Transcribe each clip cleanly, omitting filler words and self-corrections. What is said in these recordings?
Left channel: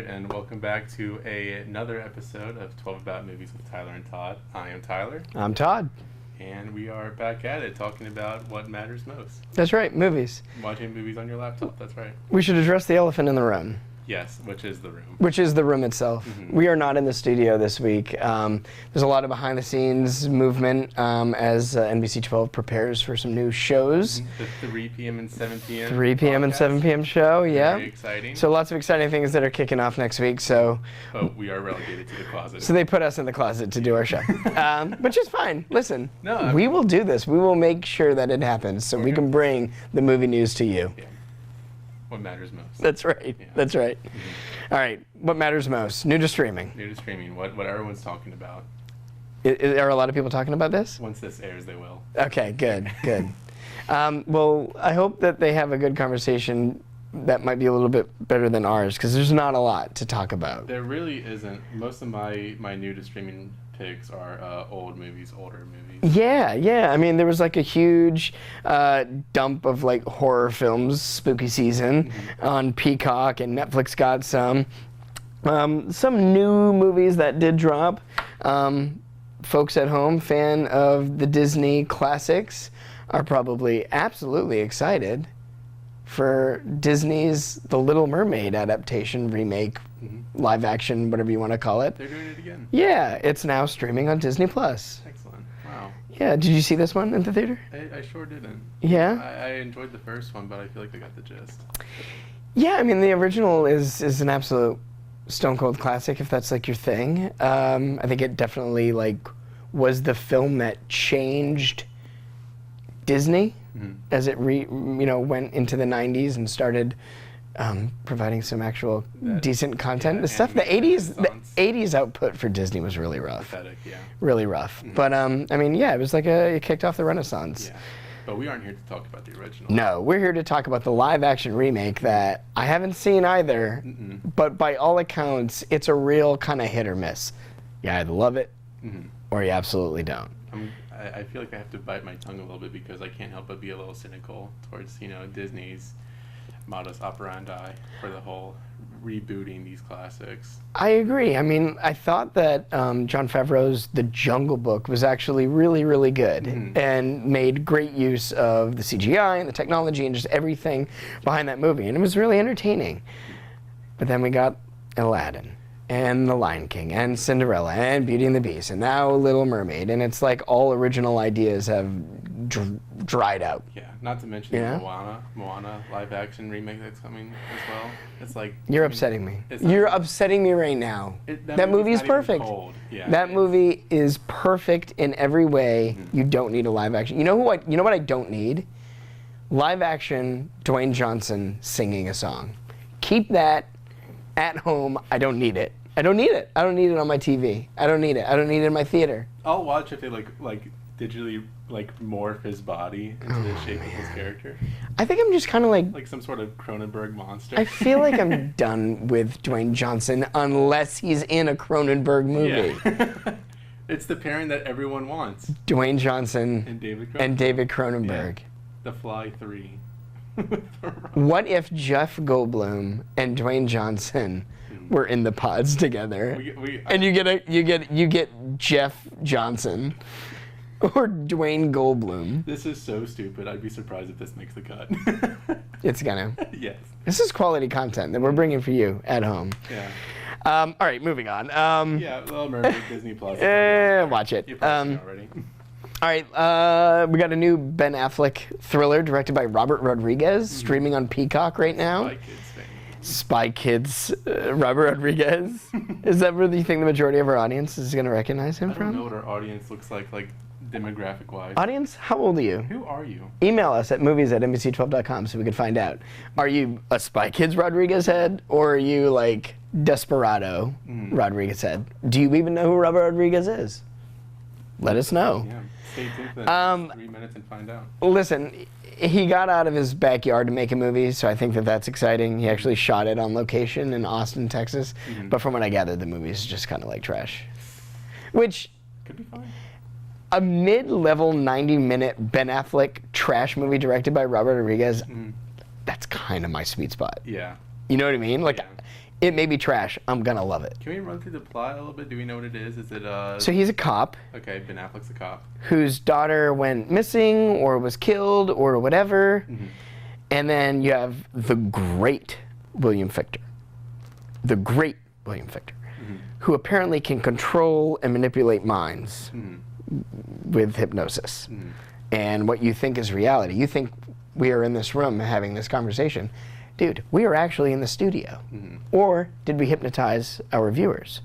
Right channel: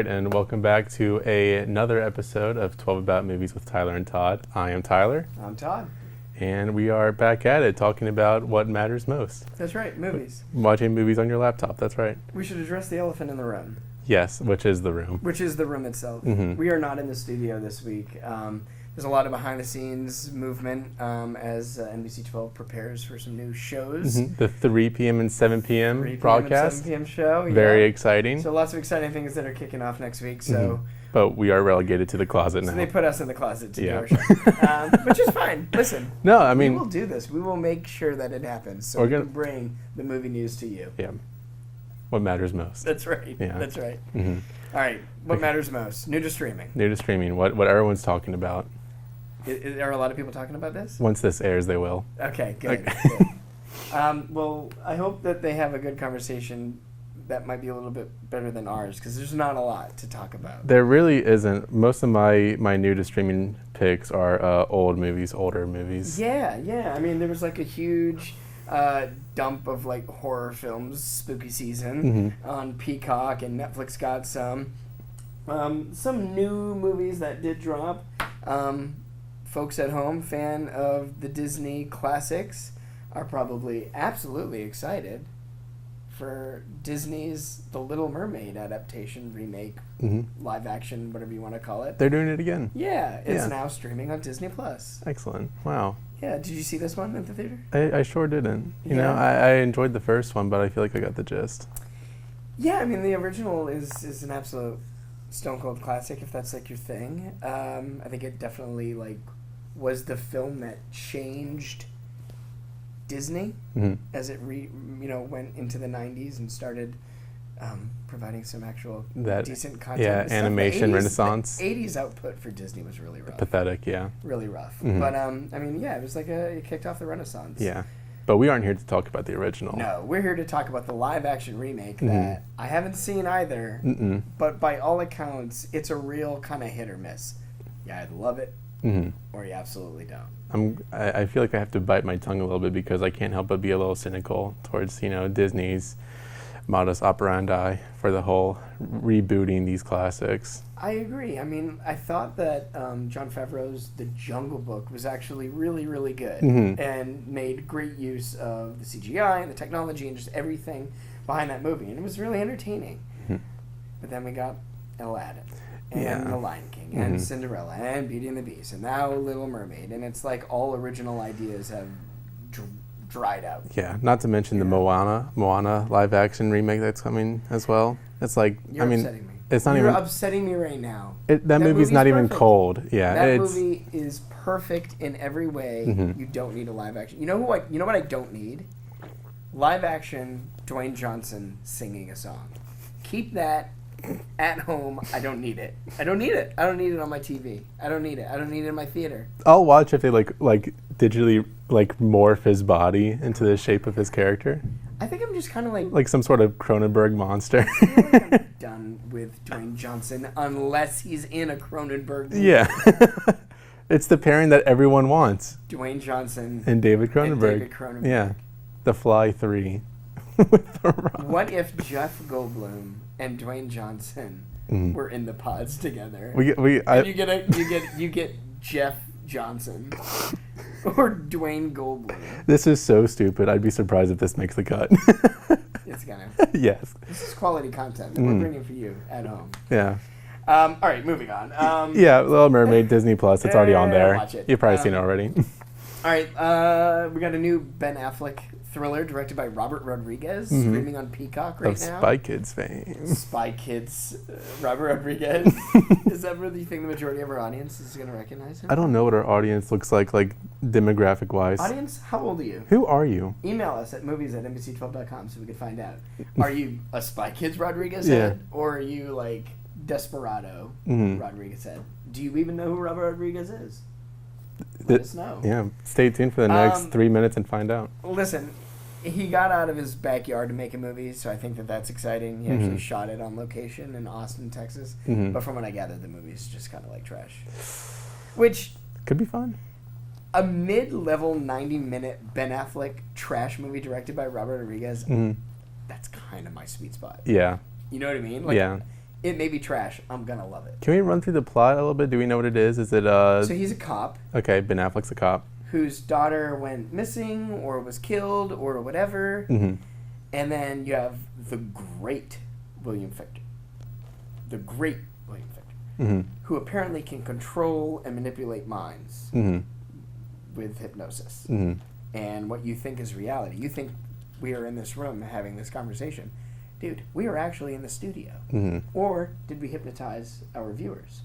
right, and welcome back to another episode of 12 About Movies with Tyler and Todd. I am Tyler. I'm Todd. And we are back at it, talking about what matters most. That's right, movies. Watching movies on your laptop, that's right. We should address the elephant in the room. Yes, which is the room. Which is the room itself. Mm-hmm. We are not in the studio this week. There's a lot of behind-the-scenes movement as NBC 12 prepares for some new shows. Mm-hmm. The 3 p.m. and 7 p.m. 3 p.m. and 7 p.m. show, yeah. Very exciting. So lots of exciting things that are kicking off next week. So, But we are relegated to the closet So now. they put us in the closet to do our show. Which is fine. Listen, we will do this. We will make sure that it happens so we can bring the movie news to you. Yeah. What matters most. That's right. Yeah. That's right. Mm-hmm. All right. What matters most? New to streaming. New to streaming. What everyone's talking about. Are a lot of people talking about this? Once this airs, they will. Okay, good, good. Well, I hope that they have a good conversation that might be a little bit better than ours, because there's not a lot to talk about. There really isn't. Most of my new to streaming picks are older movies. Yeah. I mean, there was like a huge dump of like horror films, spooky season on Peacock, and Netflix got some new movies that did drop. Folks at home, fan of the Disney classics, are probably absolutely excited for Disney's The Little Mermaid adaptation, remake, live action, whatever you want to call it. They're doing it again. Yeah, it's now streaming on Disney+. Excellent. Wow. Yeah, did you see this one in the theater? I sure didn't. Yeah? You know, I enjoyed the first one, but I feel like I got the gist. Yeah, I mean, the original is an absolute stone cold classic, if that's like your thing. I think it definitely like was the film that changed Disney as it went into the 90s and started providing some actual decent content. Yeah, the stuff, animation renaissance. The 80s output for Disney was really rough. Pathetic, yeah. Really rough. But I mean, yeah, it was like it kicked off the Renaissance. Yeah. But we aren't here to talk about the original. No, we're here to talk about the live-action remake that I haven't seen either, but by all accounts, it's a real kind of hit or miss. You either love it or you absolutely don't. I feel like I have to bite my tongue a little bit because I can't help but be a little cynical towards, Disney's modus operandi for the whole rebooting these classics. I agree. I mean, I thought that Jon Favreau's The Jungle Book was actually really, really good and made great use of the CGI and the technology and just everything behind that movie. And it was really entertaining. But then we got Aladdin and The Lion King and Cinderella and Beauty and the Beast and now Little Mermaid. And it's like all original ideas have dried out. Yeah, not to mention the Moana live-action remake that's coming as well. It's like You're upsetting me. You're upsetting me right now. That movie's not even cold. Yeah, that movie is perfect in every way. You don't need a live-action. You know what I don't need? Live-action Dwayne Johnson singing a song. Keep that at home. I don't need it. I don't need it. I don't need it on my TV. I don't need it. I don't need it in my theater. I'll watch if they like digitally morph his body into the shape of his character. I think I'm just kind of like some sort of Cronenberg monster. I feel like I'm done with Dwayne Johnson unless he's in a Cronenberg movie. Yeah. It's the pairing that everyone wants. Dwayne Johnson and David Cronenberg. Yeah. The Fly 3. What if Jeff Goldblum and Dwayne Johnson were in the pods together? You get Jeff Johnson or Dwayne Goldblum. This is so stupid. I'd be surprised if this makes the cut. It's gonna. Yes. This is quality content that we're bringing for you at home. Yeah. All right, moving on. Yeah, Little Mermaid, Disney Plus. It's already on there. Watch it. You've probably seen it already. All right, we got a new Ben Affleck thriller directed by Robert Rodriguez, streaming on Peacock right now. Spy Kids fame. Spy Kids, Robert Rodriguez. Is that where you think the majority of our audience is going to recognize him I don't from? know what our audience looks like demographic-wise. Audience, how old are you? Who are you? Email us at movies@nbc12.com so we can find out. Are you a Spy Kids Rodriguez head, or are you like Desperado Rodriguez head? Do you even know who Robert Rodriguez is? Let us know. Yeah, stay tuned for the next 3 minutes and find out. Listen, he got out of his backyard to make a movie, so I think that's exciting. He actually shot it on location in Austin, Texas. But from what I gathered, the movie is just kind of like trash. Which could be fun. A mid-level 90-minute Ben Affleck trash movie directed by Robert Rodriguez, that's kind of my sweet spot. Yeah. You know what I mean? Like, yeah. It may be trash. I'm gonna love it. Can we run through the plot a little bit? Do we know what it is? Is it So he's a cop okay, Ben Affleck's a cop. whose daughter went missing or was killed or whatever. Mm-hmm. And then you have the great William Fichtner. The great William Fichtner, Mm-hmm. who apparently can control and manipulate minds Mm-hmm. with hypnosis. Mm-hmm. And what you think is reality. You think we are in this room having this conversation. Dude, we are actually in the studio. Mm-hmm. Or did we hypnotize our viewers?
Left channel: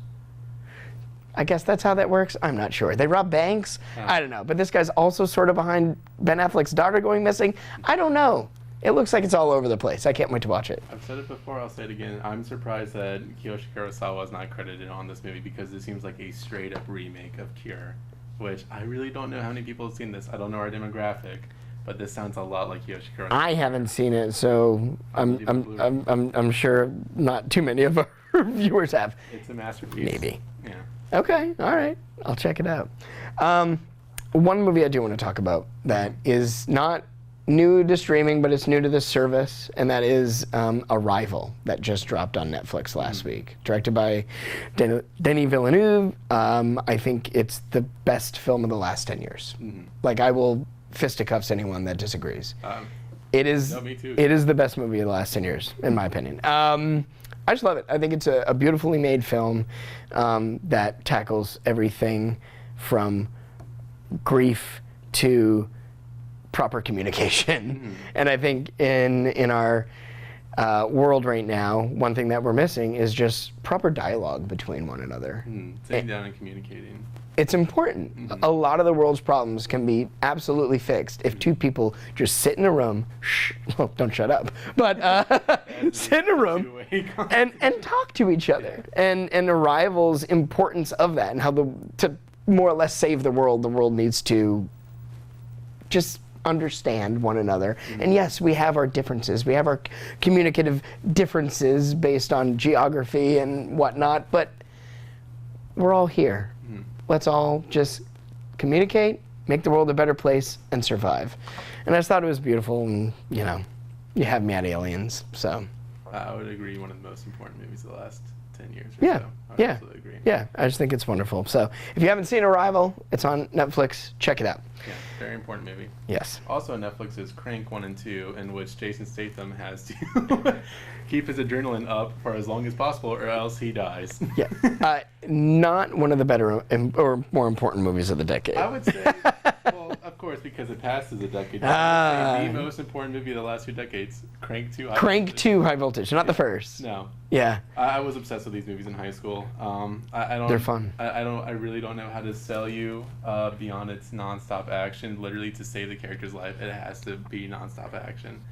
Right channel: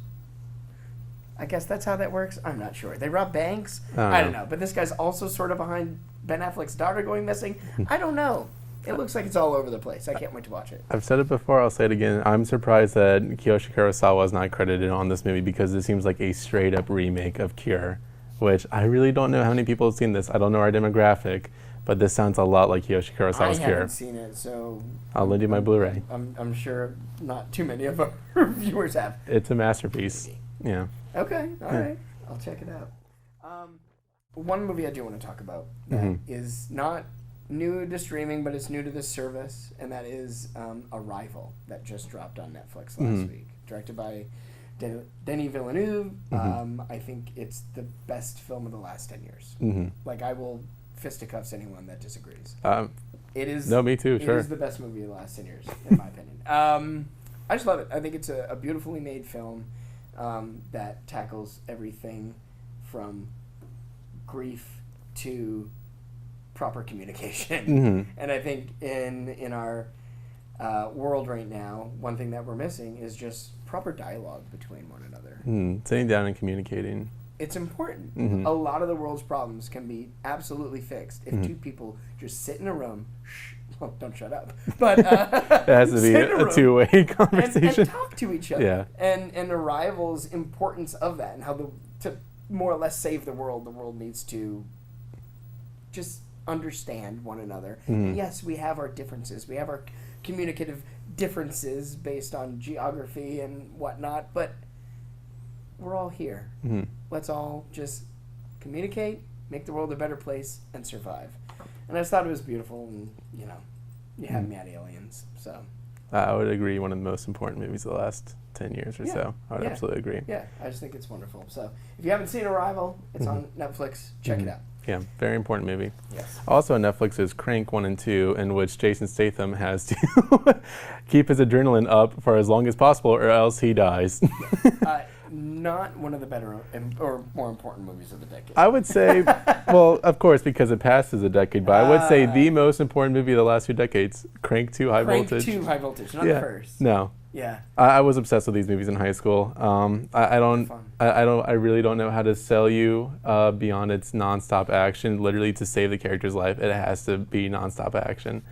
I guess that's how that works. I'm not sure. They rob banks? I don't know. But this guy's also sort of behind Ben Affleck's daughter going missing. I don't know. It looks like it's all over the place. I can't wait to watch it. I've said it before, I'll say it again. I'm surprised that Kiyoshi Kurosawa is not credited on this movie because it seems like a straight up remake of Cure, which I really don't know how many people have seen this. I don't know our demographic, but this sounds a lot like Kiyoshi Kurosawa's I haven't Cure. seen it, so I'll lend you my Blu-ray. I'm sure not too many of our viewers have. It's a masterpiece. Maybe. Yeah. Okay, all right. I'll check it out. One movie I do want to talk about that is not new to streaming, but it's new to this service, and that is Arrival, that just dropped on Netflix last week. Directed by Denis Villeneuve. I think it's the best film of the last 10 years. Like, I will fisticuffs anyone that disagrees. It is. No, me too. It is the best movie of the last 10 years, in my opinion. I just love it. I think it's a beautifully made film that tackles everything from grief to proper communication. And I think in our world right now, one thing that we're missing is just proper dialogue between one another. Sitting down and communicating. It's important. A lot of the world's problems can be absolutely fixed if two people just sit in a room, well, don't shut up, but It has to be sit in a room a two-way conversation. and talk to each other. Yeah. And Arrival's importance of that and how to more or less save the world needs to just understand one another. And yes, we have our differences. We have our communicative differences based on geography and whatnot, but we're all here. Let's all just communicate, make the world a better place, and survive. And I just thought it was beautiful, and you have me at aliens, so. I would agree, one of the most important movies of the last 10 years or Yeah. so. I would absolutely agree. Yeah, I just think it's wonderful. So if you haven't seen Arrival, it's on Netflix. Check it out. Yeah, very important movie. Yes. Also on Netflix is Crank 1 and 2, in which Jason Statham has to keep his adrenaline up for as long as possible or else he dies. Yeah. Not one of the better or more important movies of the decade. I would say, well, of course, because it passes a decade, but I would say the most important movie of the last 2 decades, Crank 2 High Voltage. Crank 2 High Voltage, not the first. No. Yeah. I was obsessed with these movies in high school. I don't. They're fun. I really don't know how to sell you beyond its nonstop action. Literally, to save the character's life, it has to be nonstop action.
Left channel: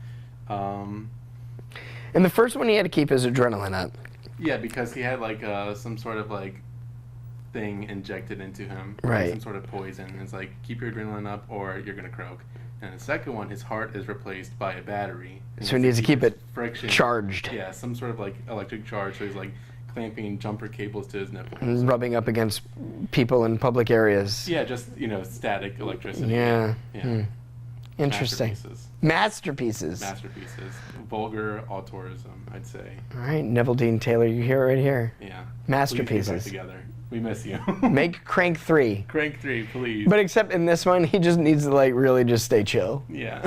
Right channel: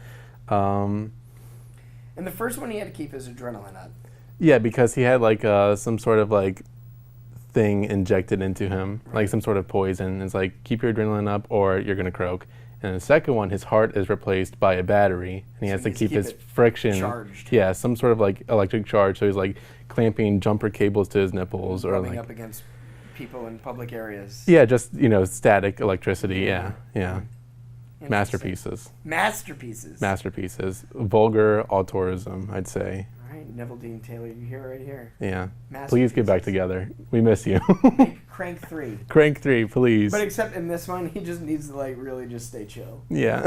In the first one, he had to keep his adrenaline up. Yeah, because he had like some sort of like thing injected into him, Right. like some sort of poison. It's like, keep your adrenaline up or you're gonna croak. And in the second one, his heart is replaced by a battery. And So he needs to keep his it friction charged. Yeah, some sort of like electric charge. So he's like clamping jumper cables to his nipples, or Rubbing like, up against people in public areas. yeah, just static electricity. Yeah. Yeah. Interesting. Masterpieces. Masterpieces. Vulgar altruism, I'd say. All right, Neville Dean Taylor, you hear it right here. Yeah. Masterpieces. Please get back together. We miss you. Make Crank 3. Crank 3, please. But except in this one, he just needs to like really just stay chill. Yeah.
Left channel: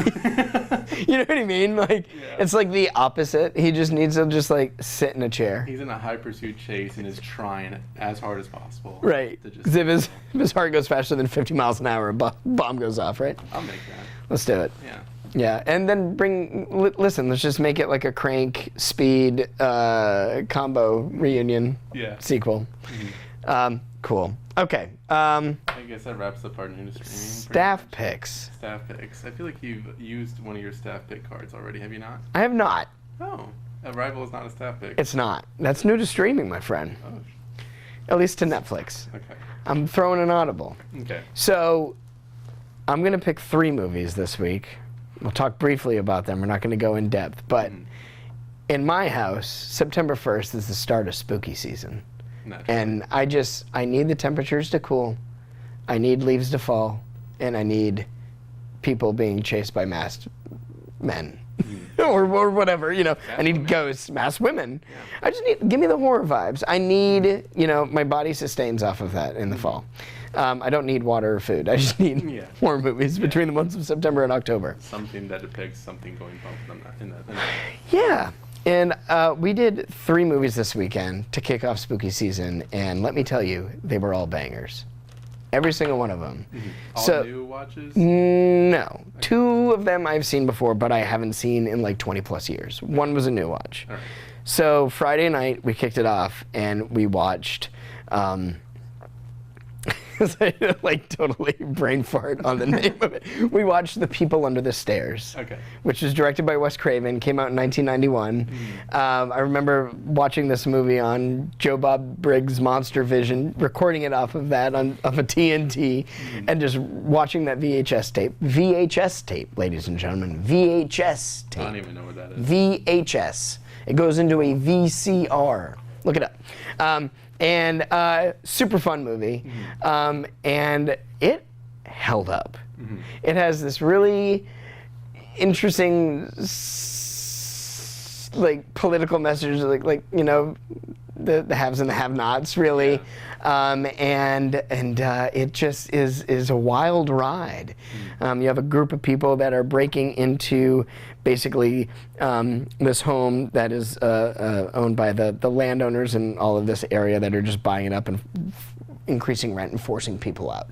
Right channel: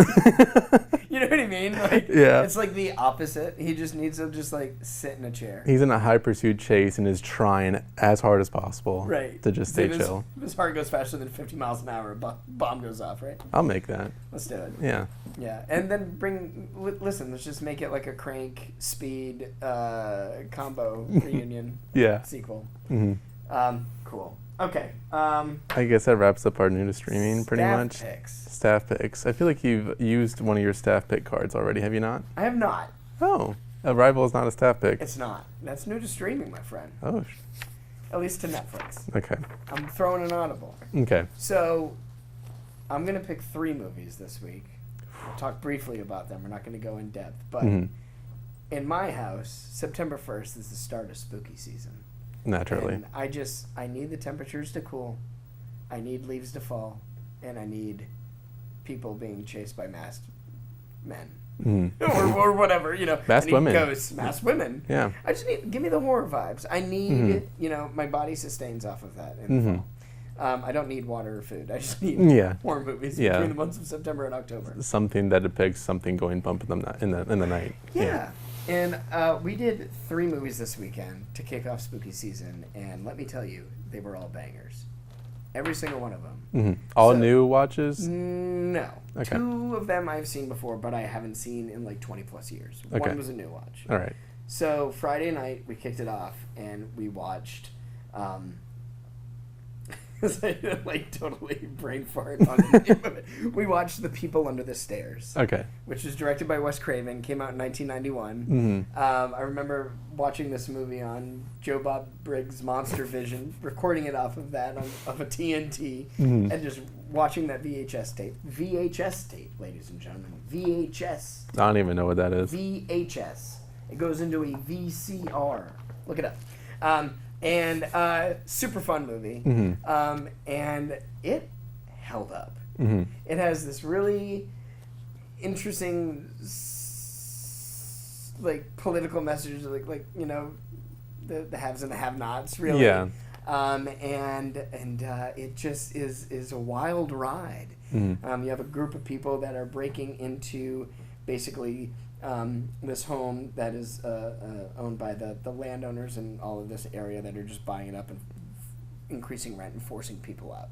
You know what I mean? Like, Yeah. it's like the opposite. He just needs to just like sit in a chair. He's in a high pursuit chase and is trying as hard as possible Right. to just if stay chill. if his heart goes faster than 50 miles an hour, a bomb goes off, right? I'll make that. Let's do it. Yeah. Yeah, and then listen, let's just make it like a Crank Speed combo reunion Yeah. sequel. Cool. Okay. I guess that wraps up our new to streaming pretty Staff much. picks. Staff picks. I feel like you've used one of your staff pick cards already, have you not? I have not. Oh. Arrival is not a staff pick. It's not. That's new to streaming, my friend. Oh. At least to Netflix. Okay. I'm throwing an audible. Okay. So, I'm going to pick 3 movies this week. We'll talk briefly about them. We're not going to go in depth. But in my house, September 1st is the start of spooky season. Naturally. And I need the temperatures to cool. I need leaves to fall. And I need people being chased by masked men or whatever, you know. Masked I need women. ghosts, masked women. Yeah. I just need, give me the horror vibes. I need, you know, my body sustains off of that in the fall. I don't need water or food. I just need horror movies between the months of September and October. Something that depicts something going bump in the night. Yeah. And we did 3 movies this weekend to kick off spooky season, and let me tell you, they were all bangers. Every single one of them. All So- new watches? No. 2 of them I've seen before, but I haven't seen in like 20 plus years. One was a new watch. All right. So Friday night, we kicked it off, and we watched... like totally brain fart on the name of it. We watched The People Under the Stairs. Okay. Which was directed by Wes Craven, came out in 1991. I remember watching this movie on Joe Bob Briggs' Monster Vision, recording it off of that of a TNT, and just watching that VHS tape. VHS tape, ladies and gentlemen. VHS tape. I don't even know what that is. VHS. It goes into a VCR. Look it up. And super fun movie. And it held up. It has this really interesting like political message, like you know, the haves and the have-nots, really. Yeah. And it just is a wild ride. You have a group of people that are breaking into basically this home that is owned by the landowners in all of this area that are just buying it up and increasing rent and forcing people out.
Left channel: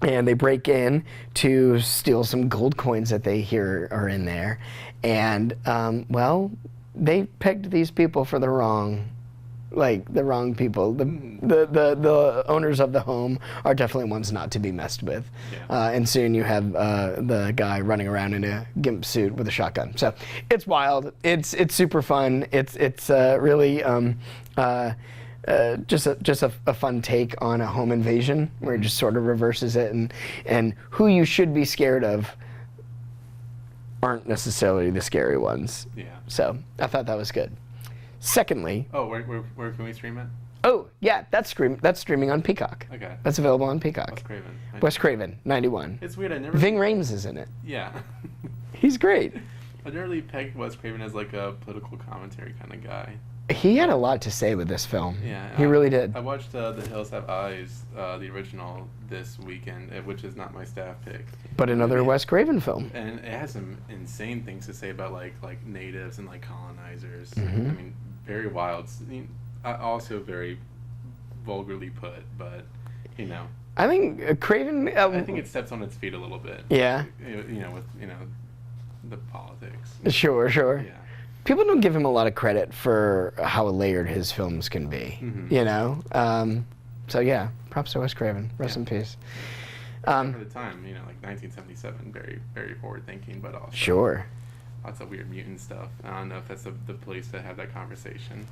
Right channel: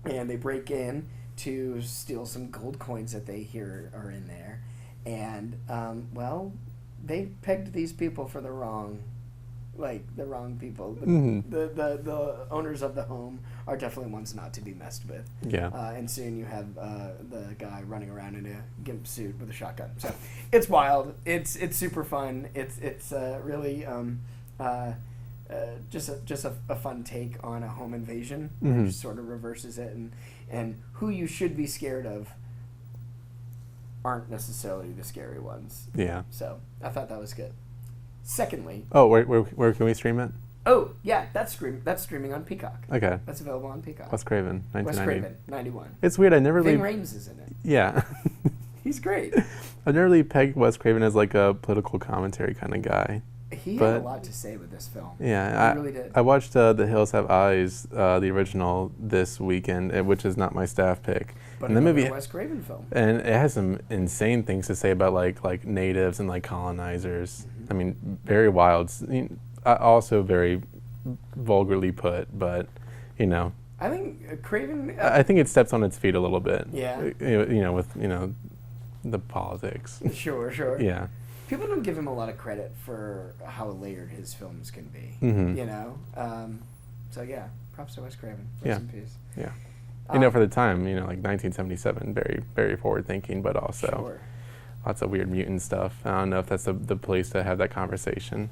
And they break in to steal some gold coins that they hear are in there. And, well, they picked these people for the wrong people. The owners of the home are definitely ones not to be messed with. Yeah. And soon you have the guy running around in a gimp suit with a shotgun. So it's wild. It's super fun. It's really just a fun take on a home invasion where it just sort of reverses it, and who you should be scared of aren't necessarily the scary ones. Yeah. So I thought that was good. Secondly, Oh, where can we stream it? oh yeah, that's streaming on Peacock. Okay. That's available on Peacock. Wes Craven. Wes 1990. Craven, 91. It's weird. I never Ving really, Rhames is in it. Yeah. He's great. I never really pegged Wes Craven as like a political commentary kind of guy. He had a But- lot to say with this film. Yeah, He really did. I watched The Hills Have Eyes, the original, this weekend, which is not my staff pick. But And the another movie- Wes Craven film. And it has some insane things to say about like natives and like colonizers. I mean, very wild. Also very vulgarly put, but you know, I think Craven. I think it steps on its feet a little bit. Yeah. You know, with the politics. Sure. Yeah. People don't give him a lot of credit for how layered his films can be. You know. So yeah, props to Wes Craven. Rest in peace. Yeah. For the time, like 1977, very, very forward thinking, but also Sure. lots of weird mutant stuff. I don't know if that's the place to have that conversation.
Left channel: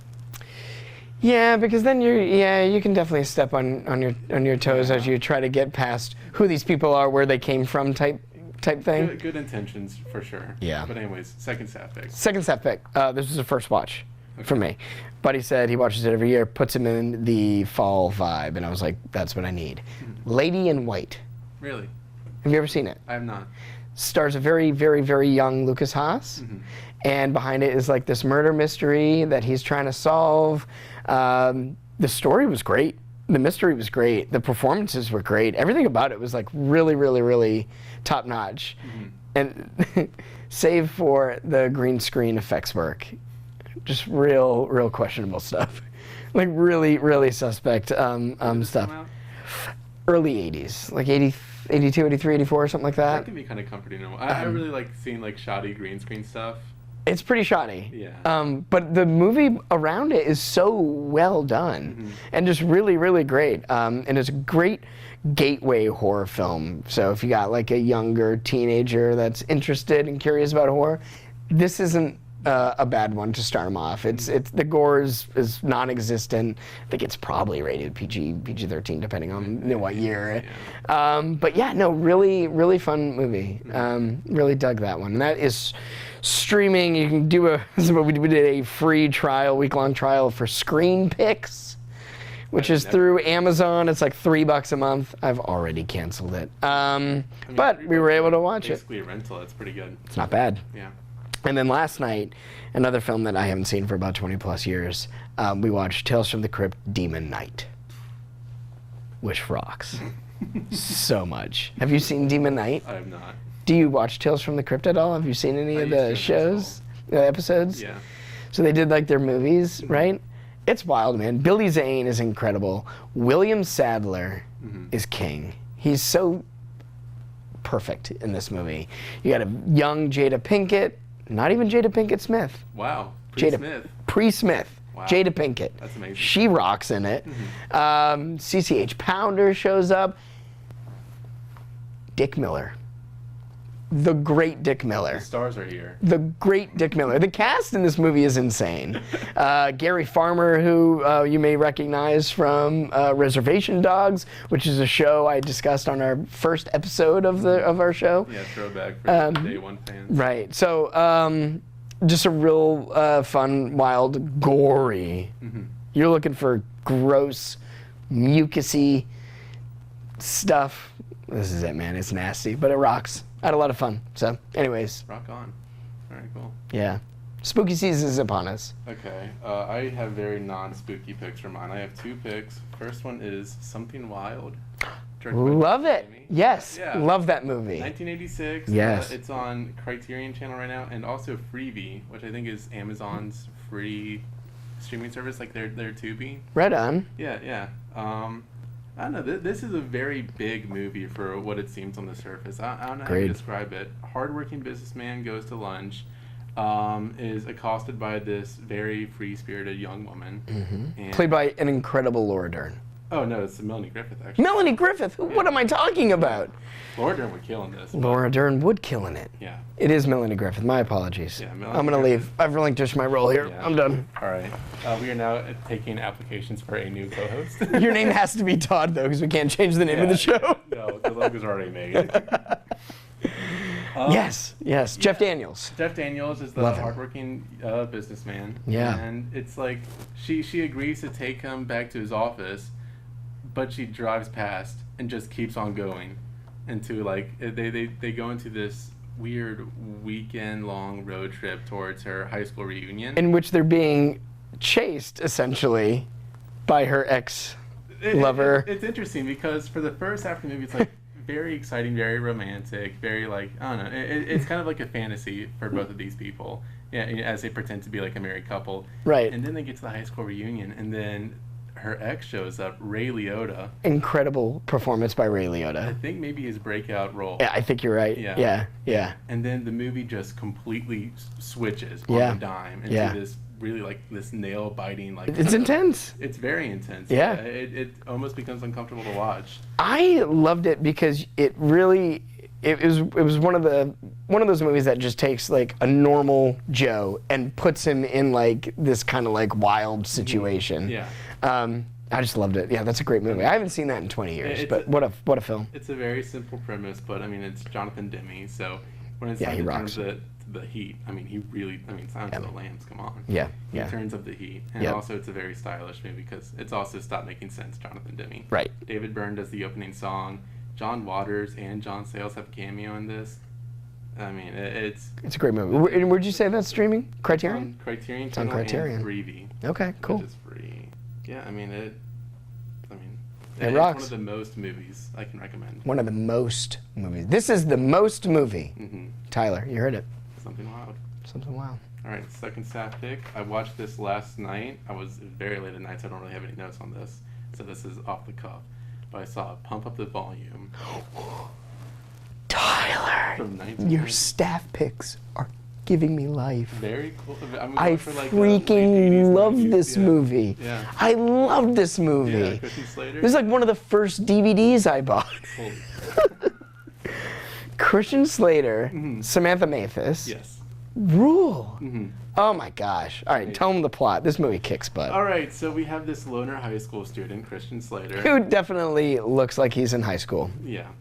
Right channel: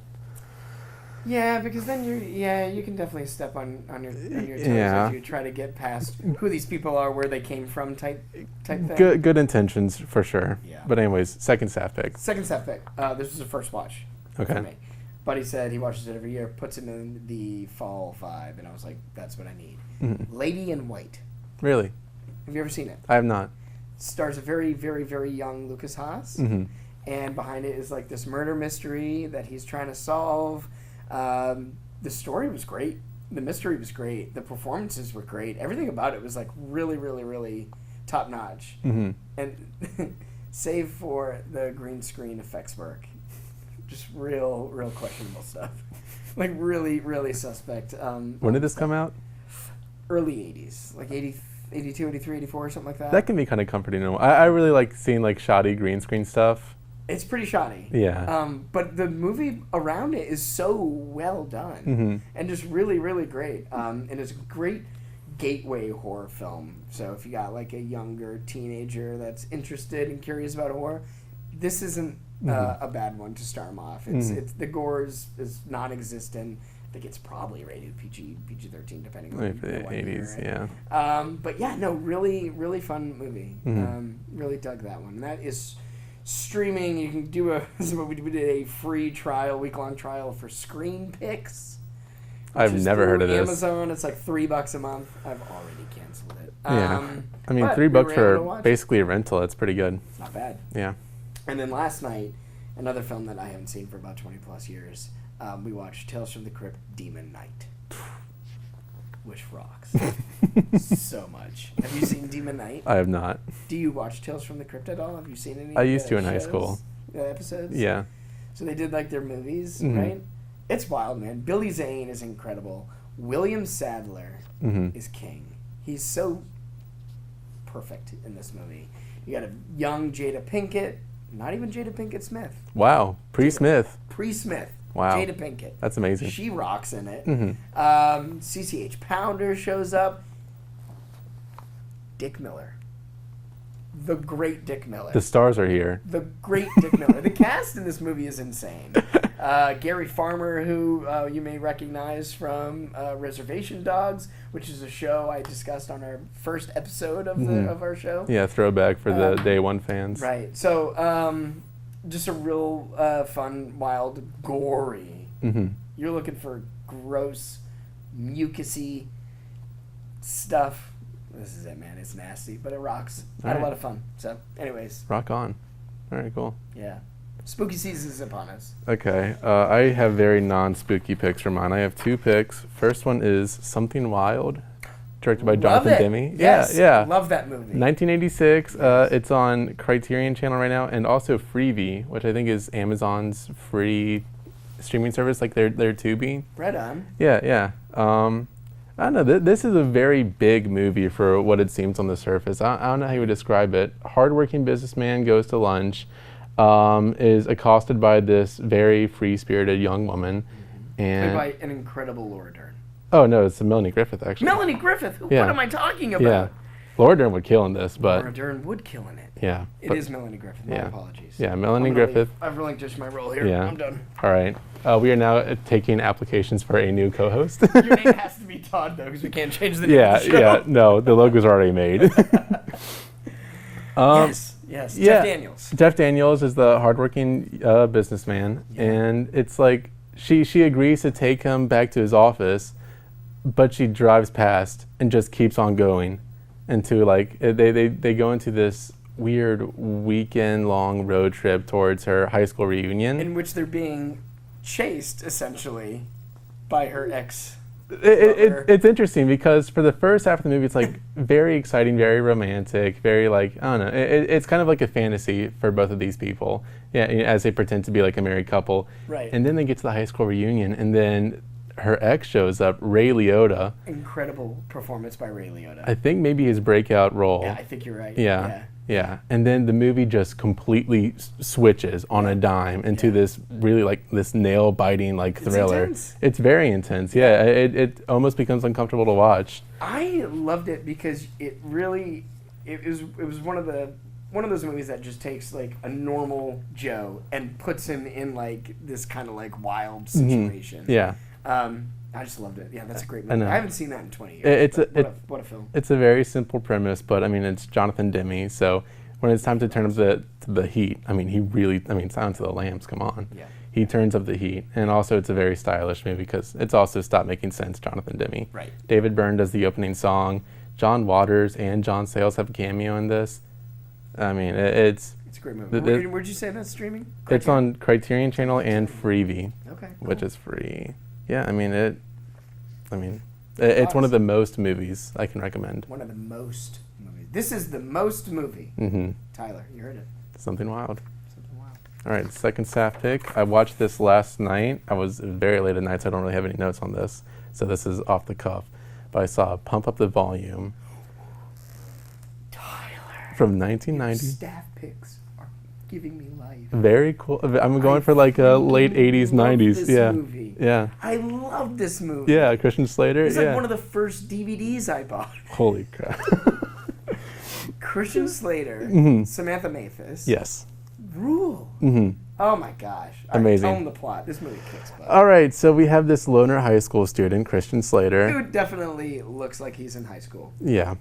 Yeah, because then you can definitely step on your toes as Yeah. you try to get past who these people are, where they came from, type thing. Good intentions for sure. Yeah. But anyways, second staff pick. Second step pick. This was a first watch for Okay. me. Buddy said he watches it every year, puts him in the fall vibe, and I was like, that's what I need. Lady in White. Really? Have you ever seen it? I have not. Stars a very, very, very young Lucas Haas, and behind it is like this murder mystery that he's trying to solve. The story was great. The mystery was great. The performances were great. Everything about it was like really, really, really top notch. And save for the green screen effects work, just real questionable stuff. Like really, really suspect. When did this stuff. come out? Early 80s, like 80, 82, 83, 84, something like that. That can be kind of comforting. I really like seeing like shoddy green screen stuff. It's pretty shoddy. Yeah. But the movie around it is so well done and just really, really great. And it's a great gateway horror film. So if you got like a younger teenager that's interested and curious about horror, this isn't a bad one to start them off. It's the gore is non-existent. I think it's probably rated PG-13 depending on what year. Yeah. But yeah, no, really, really fun movie. Really dug that one. And that is streaming. You can do we did a free trial, week-long trial for Screen Picks, which I've is never through heard of this. Amazon. It's like $3 a month. I've already canceled it. Yeah. I mean, But $3 we were able to for watch basically a rental. It's pretty good. It's not bad. Yeah. And then last night, another film that I haven't seen for about 20 plus years, we watched Tales from the Crypt Demon Knight, which rocks so much. Have you seen Demon Knight? I have not. Do you watch Tales from the Crypt at all? Have you seen any of the in high shows, school. the episodes? Yeah. So they did like their movies, Mm-hmm. right? It's wild, man. Billy Zane is incredible. William Sadler Mm-hmm. is king. He's so perfect in this movie. You got a young Jada Pinkett, not even Jada Pinkett Smith. Wow. Smith. Pre-Smith. Wow. Jada Pinkett. That's amazing. She rocks in it. Mm-hmm. CCH Pounder shows up. Dick Miller. The great Dick Miller. The stars are here. The great Dick Miller. The cast in this movie is insane. Gary Farmer, who you may recognize from Reservation Dogs, which is a show I discussed on our first episode of the of our show. Yeah, throwback for the day one fans. Right. So just a real fun, wild, gory. You're looking for gross, mucusy stuff. This is it, man. It's nasty, but it rocks. I had a lot of fun. So, anyways, Rock on. All right, cool. yeah. Spooky season is upon us. Okay, I have very non-spooky picks for mine. I have 2 picks. First one is Something Wild, directed by Love Jonathan it. Demme. Yes. Yeah. Love that movie. 1986. Yes. It's on Criterion Channel right now, and also Freevee, which I think is Amazon's free streaming service, like their Tubi. Right on. Yeah. I don't know. This is a very big movie for what it seems on the surface. I don't know how to Agreed. describe it. Hardworking businessman goes to lunch, is accosted by this very free-spirited young woman. And Played by an incredible Laura Dern. oh no, it's Melanie Griffith actually. Melanie Griffith. What Yeah. am I talking Yeah, about? Laura Dern would kill in this, but Laura Dern would kill in it. yeah. It is Melanie Griffith. My Yeah. apologies. Yeah, Melanie I'm gonna Griffith. leave. I've relinquished my role here. Yeah. I'm done. All right. We are now taking applications for a new co-host. Your name has to be Todd though, because we can't change the name of yeah, the show. yeah. No, the logo's already made. Yes. Jeff Daniels. Jeff Daniels is the hardworking businessman, Yeah. and it's like she agrees to take him back to his office, but she drives past and just keeps on going, into like they go into this weird weekend-long road trip towards her high school reunion. In which they're being chased essentially by her ex. It's interesting because for the first half of the movie, it's like very exciting, very romantic, very like, I don't know. It's kind of like a fantasy for both of these people, yeah, as they pretend to be like a married couple. Right. And then they get to the high school reunion, and then her ex shows up, Ray Liotta. Incredible performance by Ray Liotta. I think maybe his breakout role. Yeah, I think you're right. Yeah. And then the movie just completely switches on Yeah. a dime into Yeah. this really like this nail biting like It's thriller. intense. It's very intense. Yeah. Yeah. It almost becomes uncomfortable to watch. I loved it because it really it was one of those movies that just takes like a normal Joe and puts him in like this kind of like wild situation. Yeah. I just loved it. Yeah, that's a great movie. And, I haven't seen that in 20 years. it's But a- what a film. It's a very simple premise, but I mean, it's Jonathan Demme, so when it's Yeah, time he to turn up rocks. the heat, I mean, he really, I mean, Silence of the Lambs, come on. Yeah, He yeah. turns up the heat. And Yeah. also, it's a very stylish movie because it's also Stop Making Sense, Jonathan Demme. Right. David Byrne does the opening song. John Waters and John Sayles have a cameo in this. I mean, it's It's a great movie. The- Where'd you say that's streaming? it's on Criterion It's on Channel Criterion. and Freevee, Okay, cool. which is free. Yeah, I mean, It it's rocks. one of the most movies I can recommend. One of the most movies. This is the most movie. Mm-hmm. Tyler, you heard it. Something wild. Something wild. All right, second staff pick. I watched this last night. I was very late at night, so I don't really have any notes on this. So this is off the cuff. But I saw Pump Up the Volume Tyler, from your 1990. staff picks are giving me life. Very cool. I'm going I for like late freaking 80s, love 90s. This yeah. movie. Yeah. I love this movie. Yeah, Christian Slater. This is like yeah. one of the first DVDs I bought. Holy crap. Christian Slater, Samantha Mathis. Yes. Rule. hmm Oh my gosh. All right, Amazing. tell them the plot. This movie kicks butt. All right, so we have this loner high school student, Christian Slater. Who definitely looks like he's in high school. Yeah.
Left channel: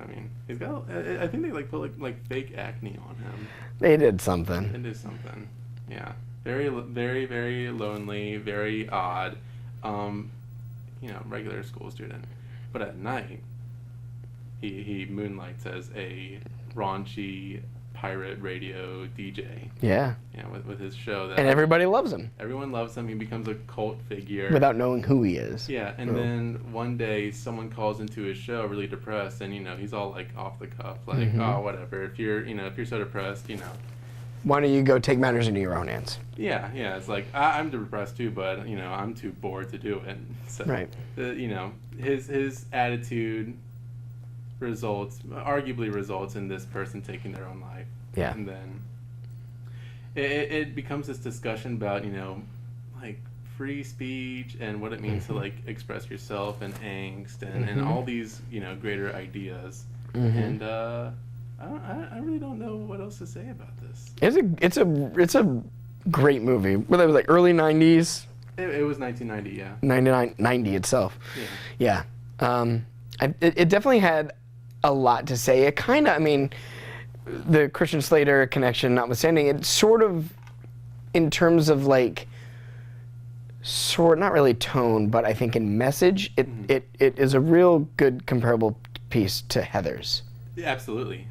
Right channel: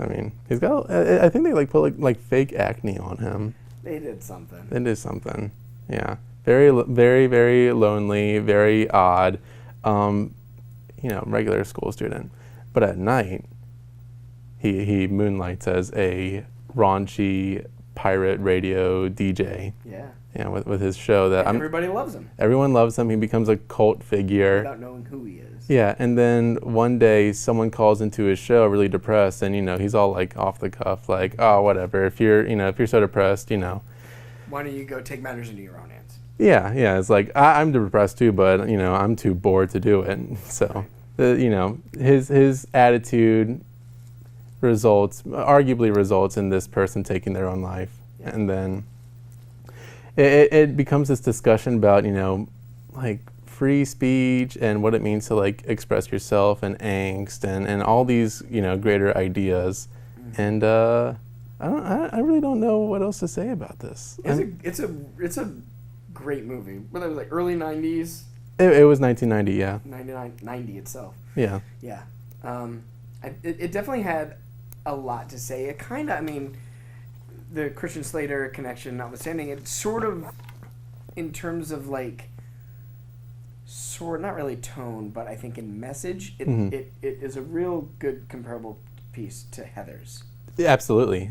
I mean, he's got, I think they like put like fake acne on him. They did something. It is something. Yeah. Very, very, very lonely, very odd. regular school student. But at night, he moonlights as a raunchy pirate radio DJ. Yeah. With his show that And everybody loves him. Everyone loves him. He becomes a cult figure without knowing who he is. Yeah, and then one day someone calls into his show really depressed, and he's all like off the cuff, like, oh, whatever. If you're so depressed, why don't you go take matters into your own hands? Yeah. It's like I'm depressed too, but I'm too bored to do it. So, Right. His attitude arguably results in this person taking their own life. Yeah. And then it becomes this discussion about like free speech and what it means to like express yourself and angst and all these greater ideas. And I really don't know what else to say about this. It's a great movie. Well, that was like early 90s. It was 1990, yeah. 90 itself. Yeah. Yeah. It definitely had a lot to say. It kind of, the Christian Slater connection notwithstanding, it's sort of, in terms of like, not really tone, but I think in message, it is a real good comparable piece to Heathers. Yeah, absolutely.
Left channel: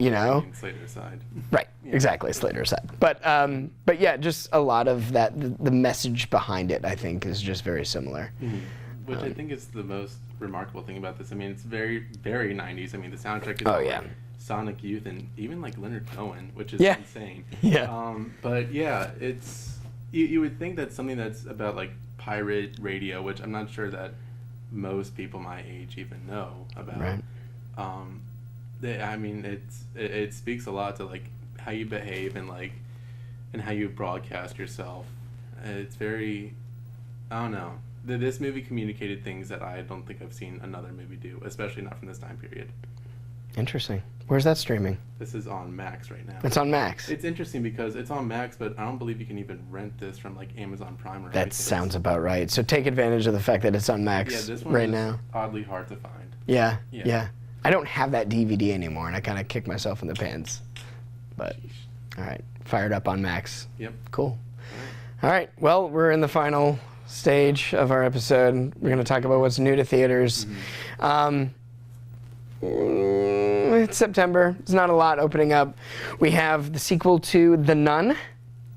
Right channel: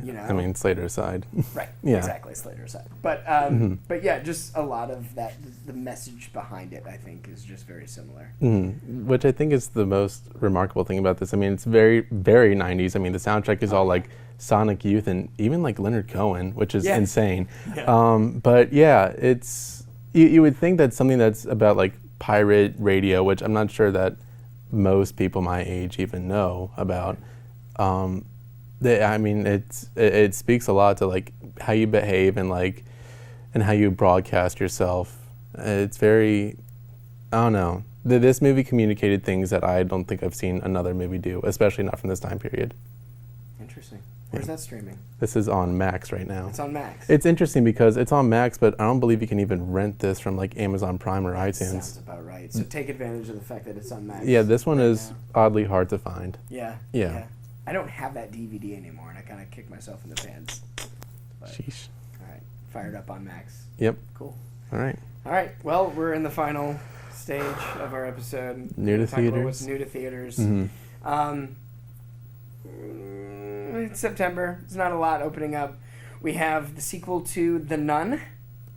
Slater's side. Right, Yeah. exactly, Slater's side. But yeah, just a lot of that, the message behind it, I think, is just very similar. Which I think is the most remarkable thing about this. It's very, very 90s. The soundtrack is all like Sonic Youth and even like Leonard Cohen, which is insane. Yeah. But yeah, it's, you would think that something that's about like pirate radio, which I'm not sure that most people my age even know about. Right. It speaks a lot to like how you behave and how you broadcast yourself. It's very, I don't know. This movie communicated things that I don't think I've seen another movie do, especially not from this time period. Interesting. Where's that streaming? This is on Max right now. It's on Max. It's interesting because it's on Max, but I don't believe you can even rent this from like Amazon Prime or iTunes. That sounds about right. So take advantage of the fact that it's on Max. Yeah, this one right is now. oddly hard to find. Yeah. I don't have that DVD anymore, and I kind of kick myself in the pants. But Sheesh. All right, fired up on Max. Yep. Cool. All right. Well, we're in the final stage of our episode. We're going to talk about what's new to theaters. It's September. There's not a lot opening up. We have the sequel to The Nun.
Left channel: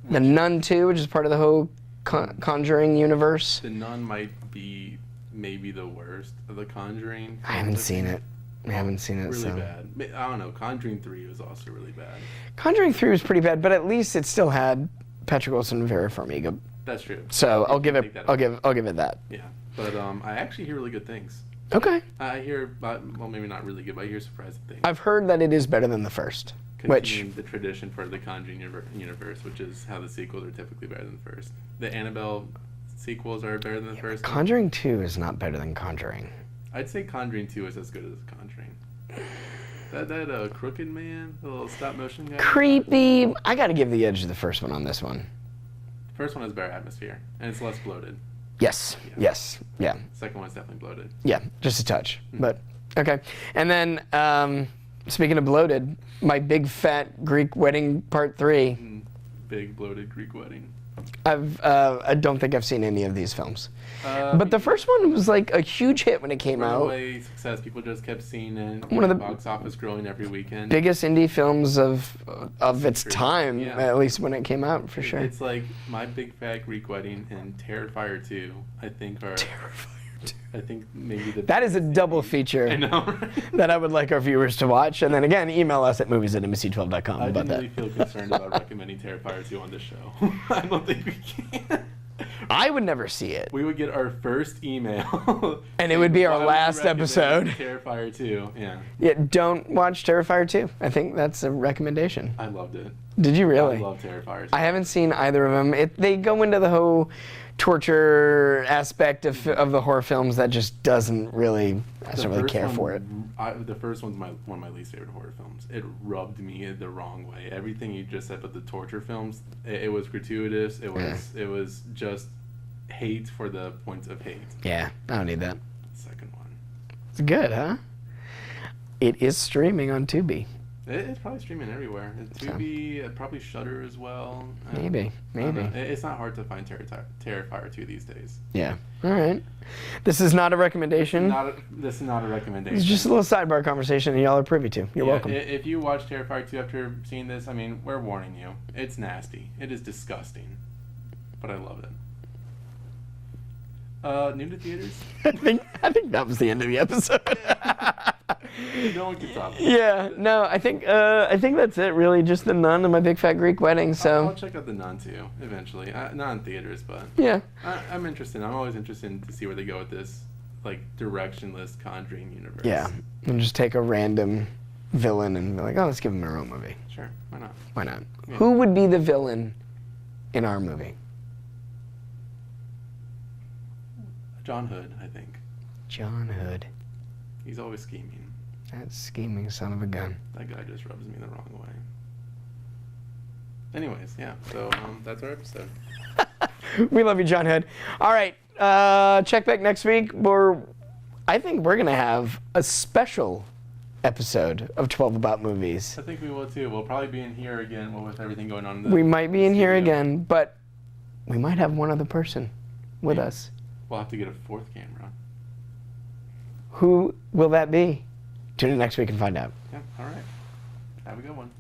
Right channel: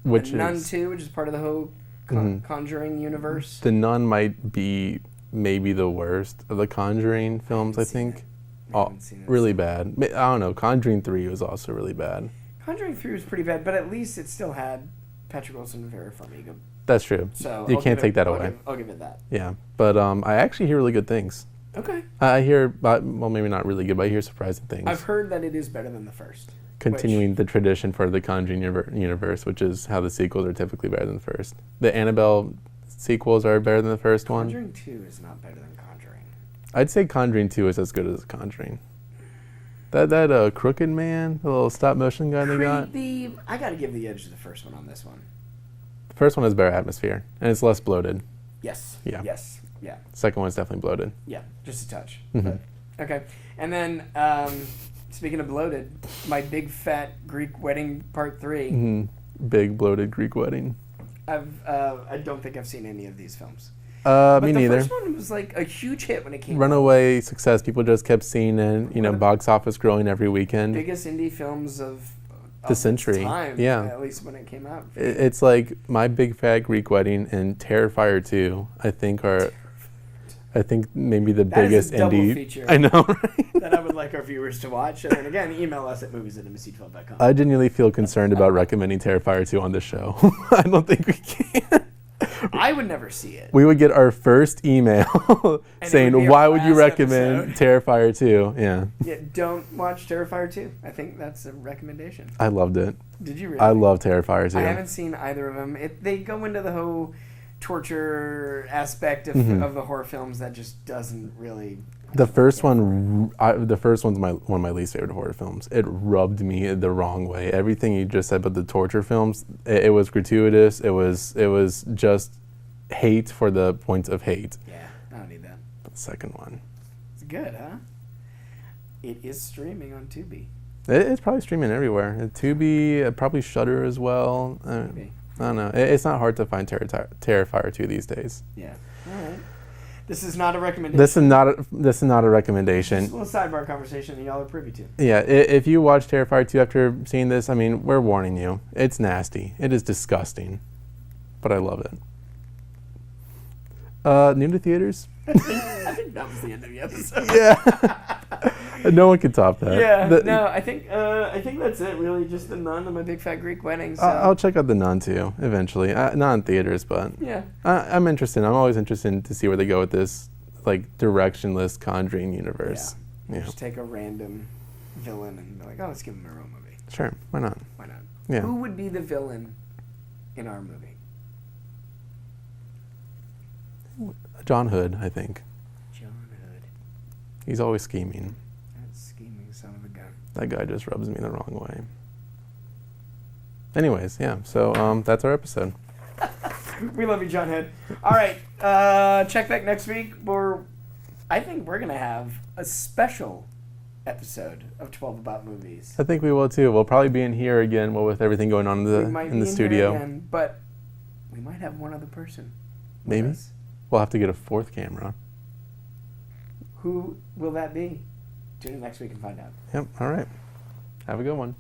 The Nun 2, which is part of the whole Conjuring universe. The Nun might be maybe the worst of the Conjuring films, I haven't seen it. Really bad. I don't know. Conjuring 3 was also really bad. Conjuring 3 was pretty bad, but at least it still had Patrick Wilson and Vera Farmiga. That's true. So you can't take that away. I'll give it that. Yeah, but I actually hear really good things. Okay. I hear, well, maybe not really good, but I hear surprising things. I've heard that it is better than the first. Continuing the tradition for the Conjuring universe, which is how the sequels are typically better than the first. The Annabelle sequels are better than the first one. Conjuring 2 is not better than Conjuring. I'd say Conjuring 2 is as good as Conjuring. That Crooked Man, the little stop motion guy. Creepy. I got to give the edge to the first one on this one. The first one has better atmosphere, and it's less bloated. Yes. Yeah. Yes. Yeah. Second one's definitely bloated. Yeah, just a touch. But okay. And then speaking of bloated, My Big Fat Greek Wedding Part 3. Big bloated Greek wedding. I don't think I've seen any of these films. But the first one was like a huge hit when it came out. Runaway success. People just kept seeing it. Box office growing every weekend. Biggest indie films of its time, yeah. At least when it came out, for sure. It's like My Big Fat Greek Wedding and Terrifier 2, I think are... I think maybe the biggest indie... That is a double feature. I know, right? That I would like our viewers to watch. And then again, email us at movies@mbc12.com. I genuinely feel concerned about recommending Terrifier 2 on this show. I don't think we can. I would never see it. We would get our first email saying, why would you recommend Terrifier 2? Yeah. Yeah, don't watch Terrifier 2. I think that's a recommendation. I loved it. Did you really? I love Terrifier 2. I haven't seen either of them. They go into the whole torture aspect of the horror films that just doesn't really... The first one's one of my least favorite horror films. It rubbed me the wrong way. Everything you just said about the torture films, it was gratuitous. It was just hate for the points of hate. Yeah, I don't need that. The second one. It's good, huh? It is streaming on Tubi. It's probably streaming everywhere. Tubi, probably Shudder as well. Maybe. I don't know. It's not hard to find Terrifier 2 these days. Yeah. All right. This is not a recommendation. This is not a recommendation. It's just a little sidebar conversation that y'all are privy to. You're yeah, welcome. if you watch Terrifier 2 after seeing this, I mean, we're warning you. It's nasty. It is disgusting. But I love it. New to theaters? I think that was the end of the episode. Yeah. No one can top that. Yeah, I think that's it really. Just The Nun and My Big Fat Greek Wedding. So I'll check out The Nun too, eventually. Not in theaters, but yeah. I'm interested. I'm always interested to see where they go with this, like, directionless Conjuring universe. Yeah. And just take a random villain and be like, oh, let's give him a real movie. Sure, why not? Why not? Yeah. Who would be the villain in our movie? John Hood, I think. John Hood. He's always scheming. That scheming son of a gun. That guy just rubs me the wrong way. Anyways, yeah, so that's our episode. We love you, John Hood. All right, check back next week. I think we're going to have a special episode of 12 About Movies. I think we will too. We'll probably be in here again with everything going on in the We might be in here studio. again, but we might have one other person with Maybe. us. We'll have to get a fourth camera. Who will that be? Tune in next week and find out. Yep, all right. Have a good one.